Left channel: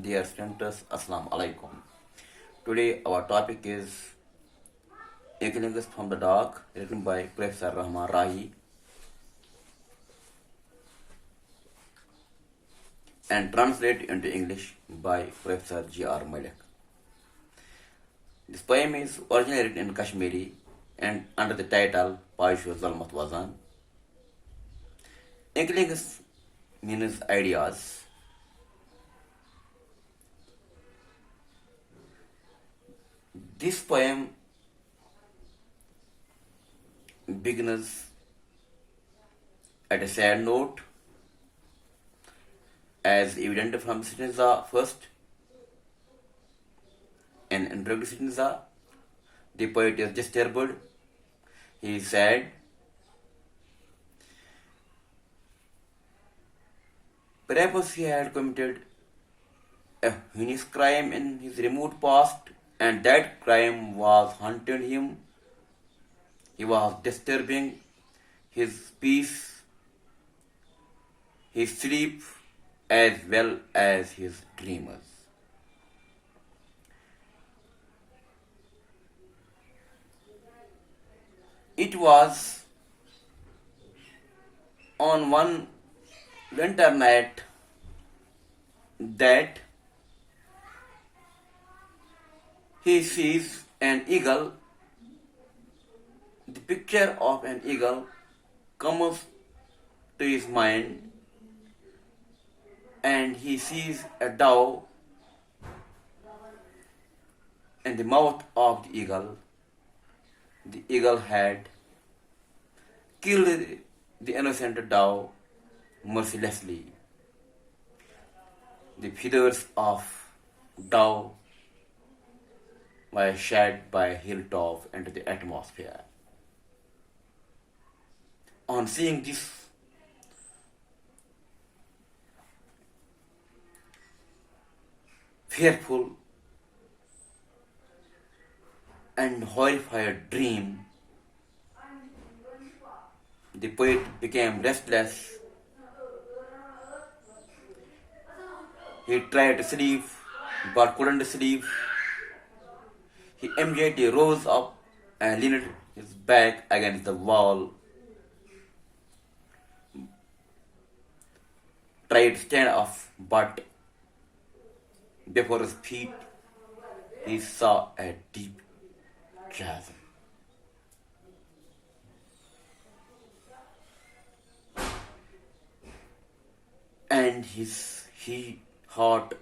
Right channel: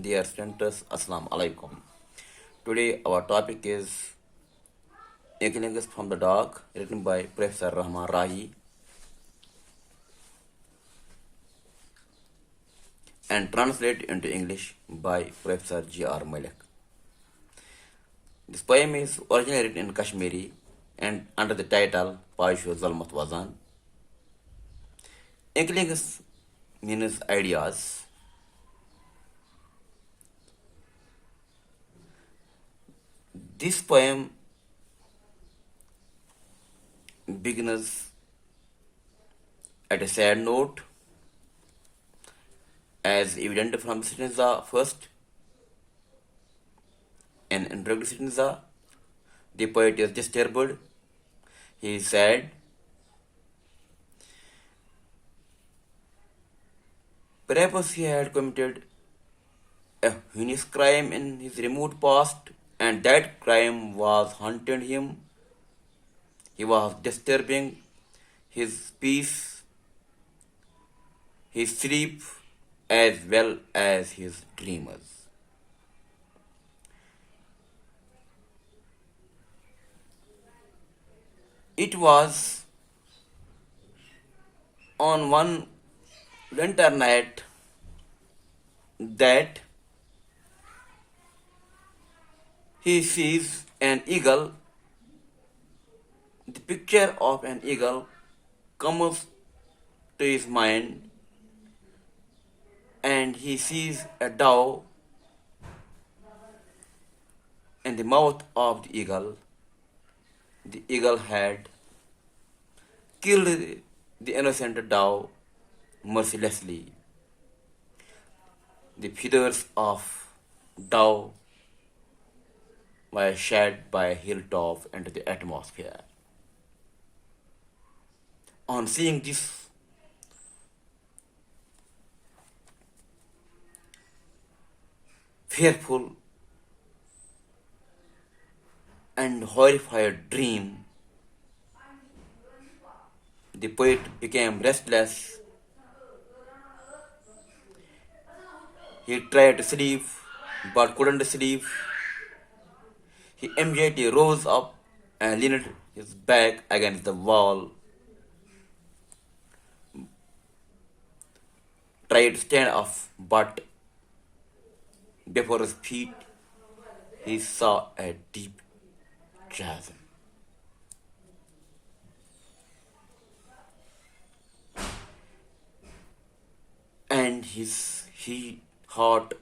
Dear students, Assalamu alaikum. Today our topic is Inklings from the Dark, written by Professor Rahi and translated into English by Professor G.R. Malik. This poem is originally written in Kashmiri and under the title Paishu Zalmat Wazan. Inklings means ideas. This poem begins at a sad note, as evident from stanza first. In introduction stanza, the poet is disturbed. He is sad. Perhaps he had committed a heinous crime in his remote past, and that crime was haunting him. He was disturbing his peace, his sleep, as well as his dreams. It was on one winter night that he sees an eagle. The picture of an eagle comes to his mind, and he sees a dove in the mouth of the eagle. The eagle had killed the innocent dove mercilessly. The feathers of dove were shed by a hilltop into the atmosphere. On seeing this, fearful and horrified dream, the poet became restless. He tried to sleep but couldn't sleep. He immediately rose up and leaned his back against the wall, tried to stand up, but before his feet he saw a deep chasm. And his heart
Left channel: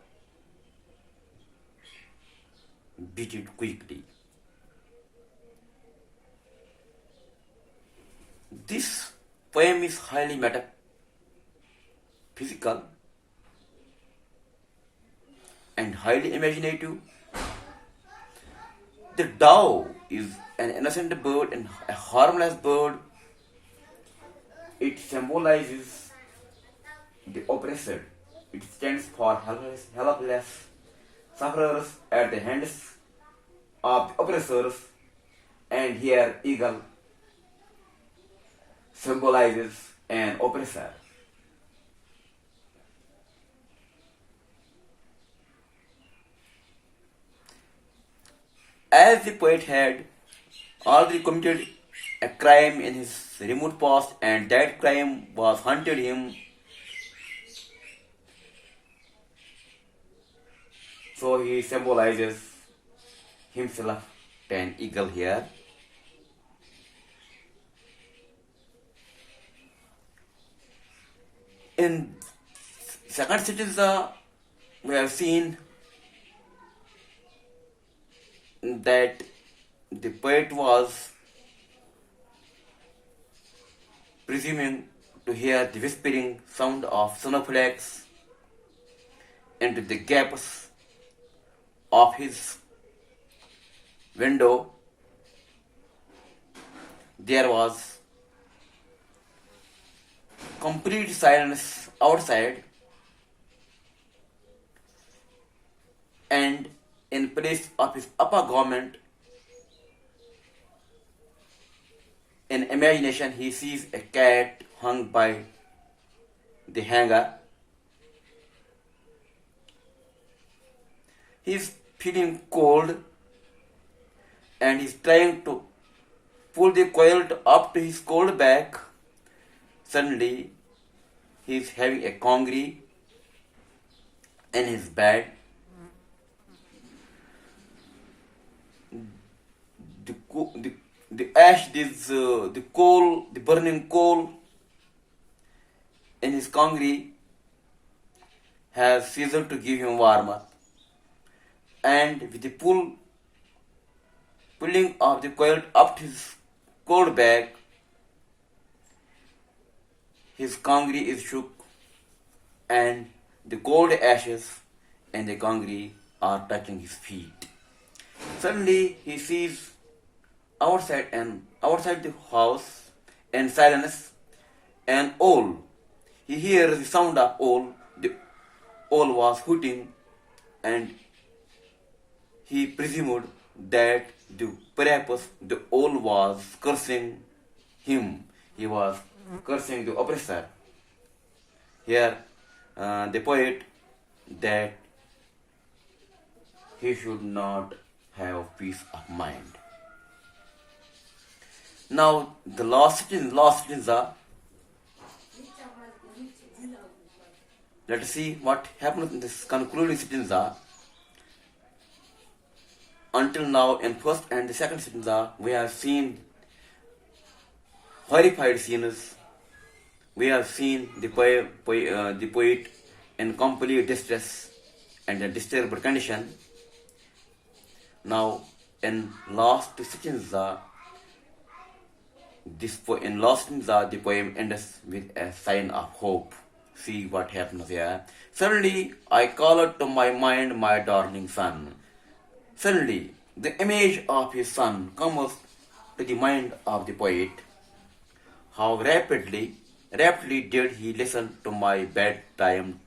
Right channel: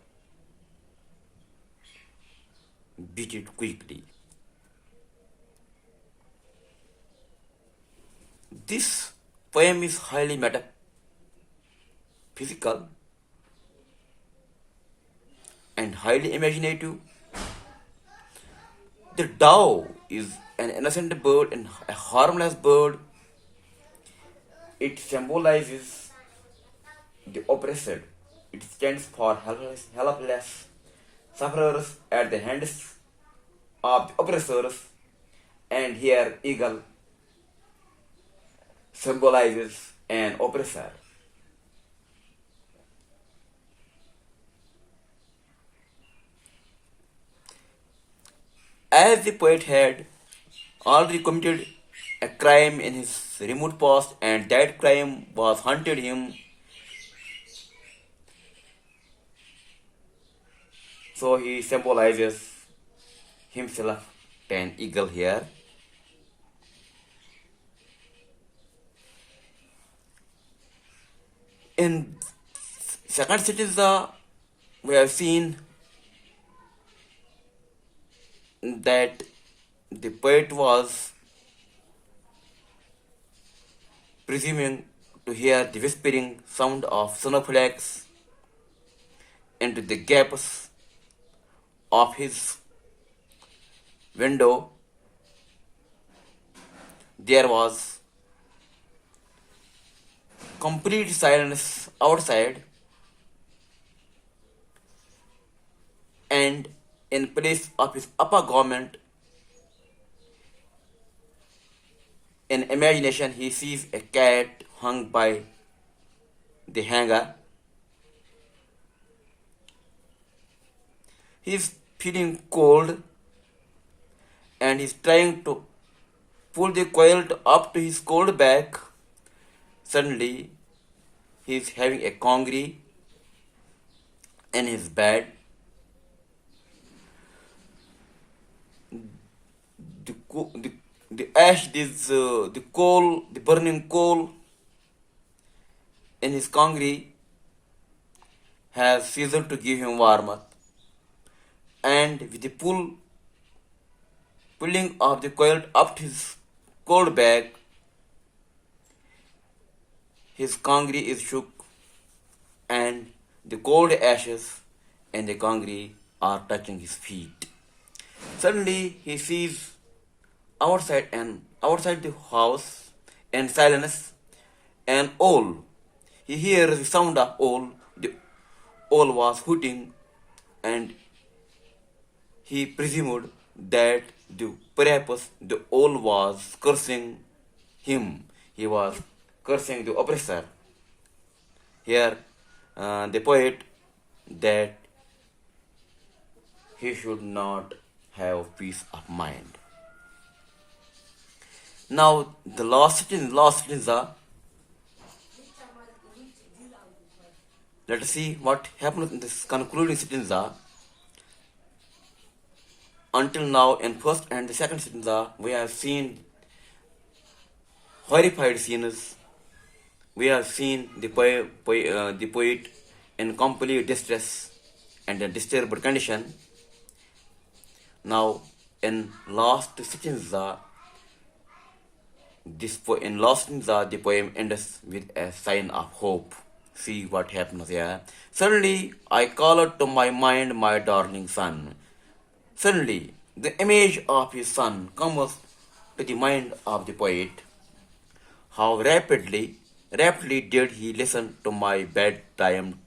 beat quickly. This poem is highly metaphysical and highly imaginative. The dove is an innocent bird and a harmless bird. It symbolizes the oppressor. It stands for helpless sufferers at the hands of the oppressors, and here eagle symbolizes an oppressor. As the poet had already committed a crime in his remote past, and that crime was haunted him, so he symbolizes himself an eagle here. In second stanza, we have seen that the poet was presuming to hear the whispering sound of snowflakes into the gaps of his window. There was complete silence outside, and in place of his upper garment, in imagination, he sees a cat hung by the hanger. He's feeling cold and he's trying to pull the quilt up to his cold back. Suddenly, he's having a congee in his bed. The ash, the coal, the burning coal in his congee has ceased to give him warmth. And with the pulling of the quilt up to his cold back, his congee is shook, and the cold ashes and the congee are touching his feet. Suddenly he sees outside the house in silence an owl. He hears the sound of owl. The owl was hooting, and he presumed that perhaps the owl was cursing him. He was cursing the oppressor. Here, the poet that he should not have peace of mind. Now, the last stanza. Let us see what happens in this concluding stanza. Until now, in first and the second stanza, we have seen horrified scenes. We have seen the poet in complete distress and a disturbed condition. Now, in last stanza, the poem ends with a sign of hope. See what happens here. Suddenly, I called to my mind my darling son. Suddenly, the image of his son comes to the mind of the poet. How rapidly did he listen to my bedtime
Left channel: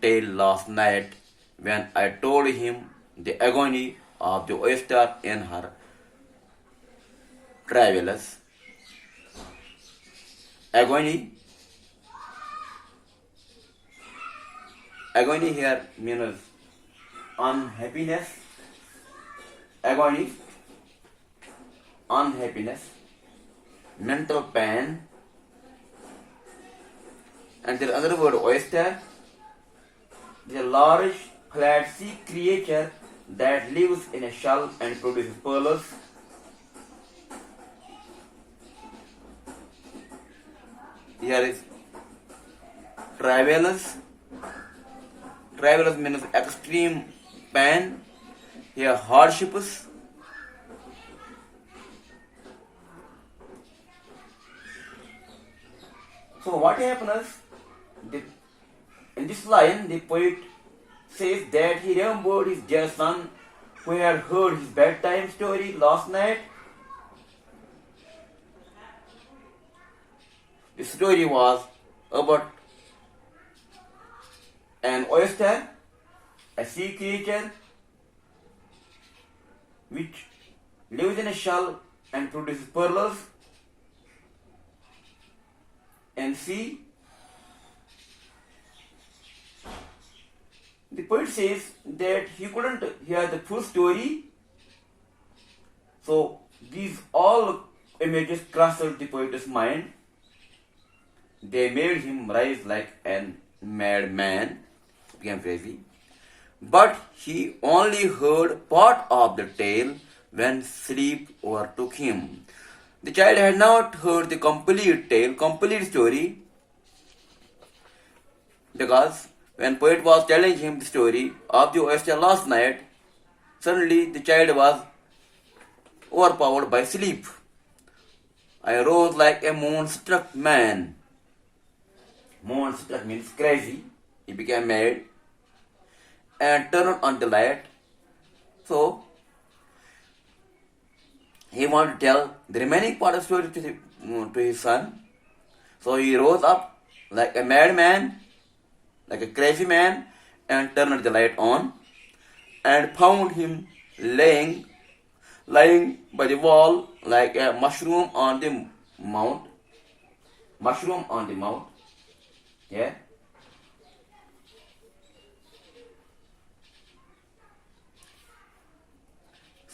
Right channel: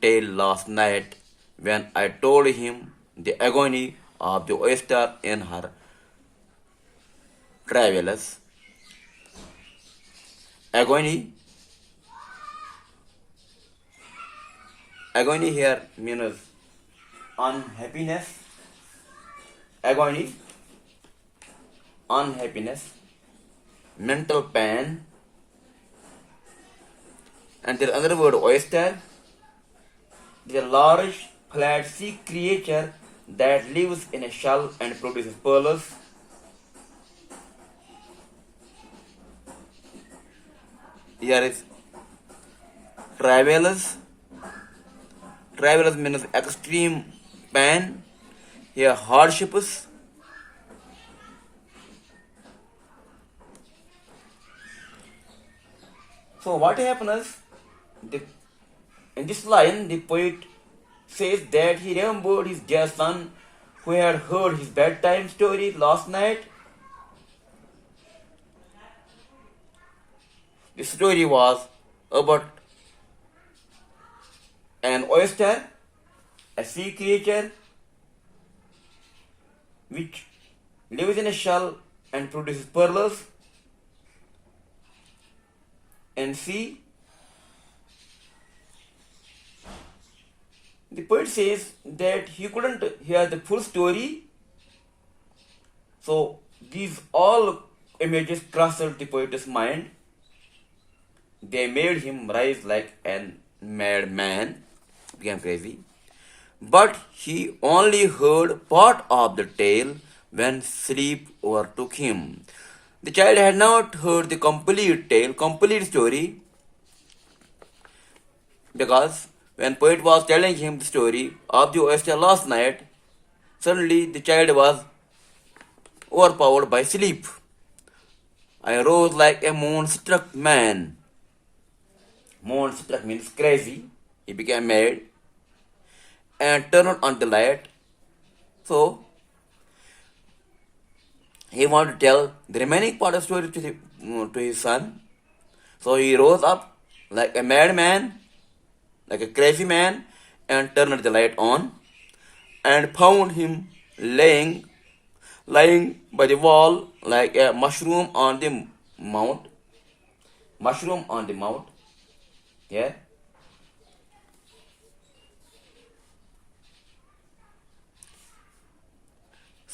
tale last night when I told him the agony of the oyster in her travels. Agony here means unhappiness. Unhappiness, mental pain, and there is another word, oyster. It is a large, flat sea creature that lives in a shell and produces pearls. Here is travelers. Travelers means extreme pain. Here hardships. So what happens? In this line, the poet says that he remembered his dear son who had heard his bedtime story last night. The story was about an oyster, a sea creature which lives in a shell and produces pearls and sea. The poet says that he couldn't hear the full story, so these all images crossed the poet's mind. They made him rise like a madman, became crazy. But he only heard part of the tale when sleep overtook him. The child had not heard the complete tale, complete story, because when poet was telling him the story of the oyster last night, suddenly the child was overpowered by sleep. I rose like a moon-struck man. Moon-struck means crazy. He became mad and turned on the light. So, he wanted to tell the remaining part of the story to his son. So he rose up like a madman, like a crazy man, and turned the light on and found him lying by the wall like a mushroom on the mount. Mushroom on the mount. Yeah.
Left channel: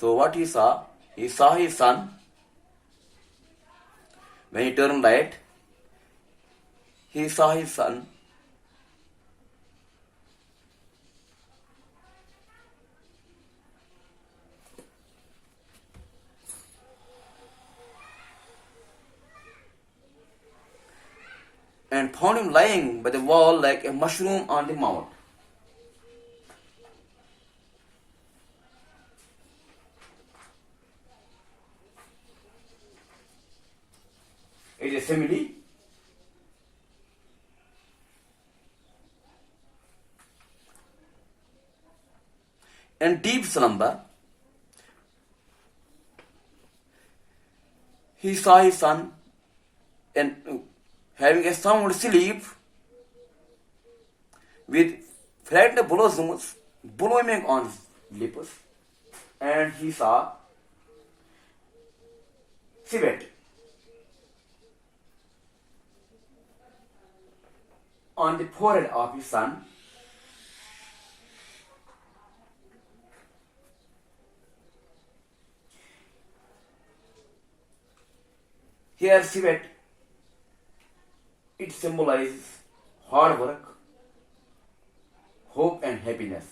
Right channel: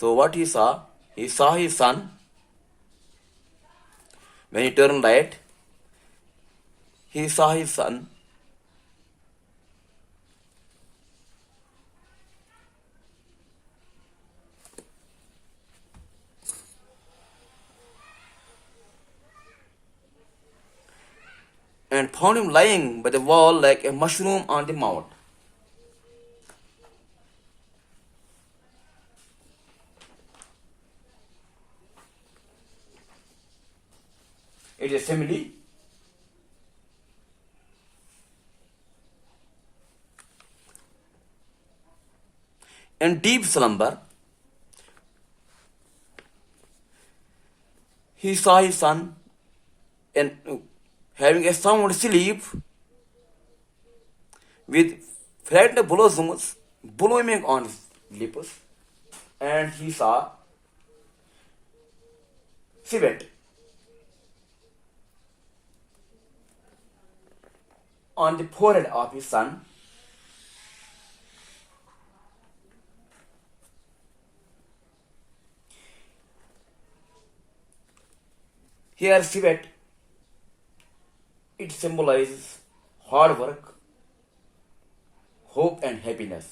So what he saw? He saw his son. When he turned right, he saw his son and found him lying by the wall like a mushroom on the mount. It is a simile. In deep slumber, he saw his son and having a sound sleep with flat blossoms blooming on his lips, and he saw civet on the forehead of his son. Here, civet, it symbolizes hard work, hope, and happiness.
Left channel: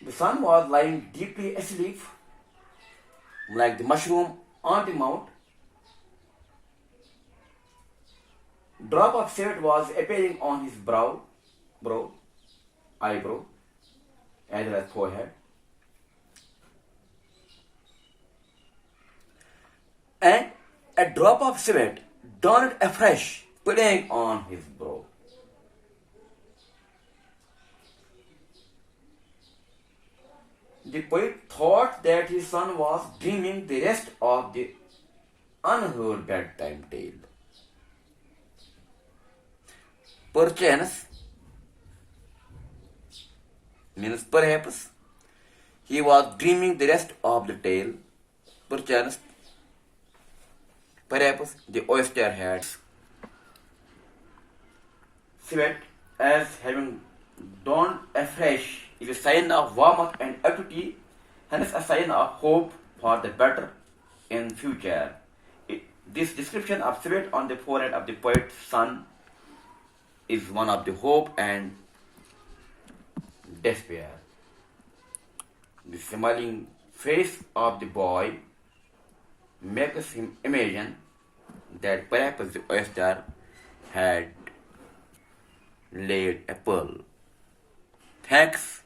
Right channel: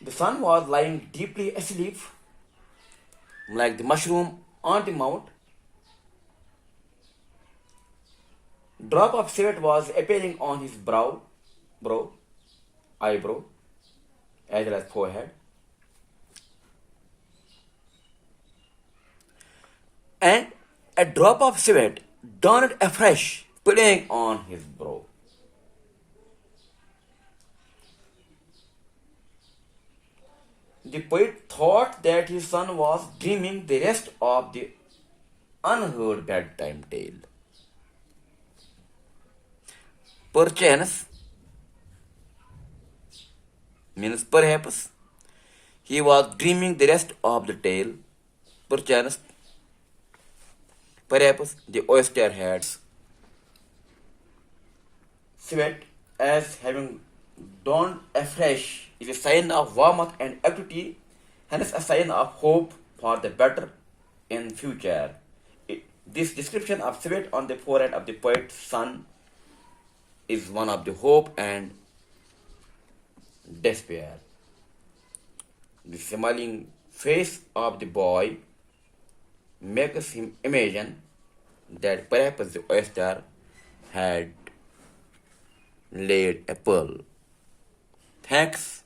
The son was lying deeply asleep, like the mushroom on the mount. Drop of sweat was appearing on his eyebrow, as well as forehead. And a drop of sweat dawned afresh, playing on his brow. The poet thought that his son was dreaming the rest of the unheard bedtime tale. Perchance means perhaps he was dreaming the rest of the tale. Perchance, perhaps the oyster had sweat as having dawned afresh is a sign of warmth and activity, hence a sign of hope for the better in future. This description of sweat on the forehead of the poet's son is one of the hope and despair. The smiling face of the boy makes him imagine that perhaps the oyster had laid a pearl. Thanks